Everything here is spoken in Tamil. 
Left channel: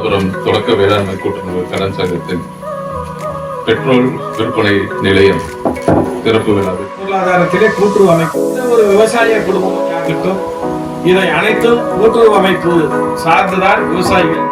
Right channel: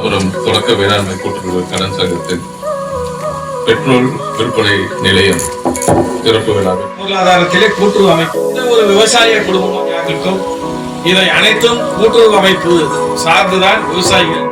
அப்புறம் தொடக்க வேளாண்மை கூட்டுறவு கடன் சங்கத்தின் பெட்ரோல் விற்பனை நிலையம் திறப்பு விழாவில் பொருளாதாரத்திலே கூட்டுறவு அமைப்பு ஒரு விவசாய குடும்பம் இதை அனைத்தும் கூட்டுறவு அமைப்பு சார்ந்துதான் விவசாயிகள்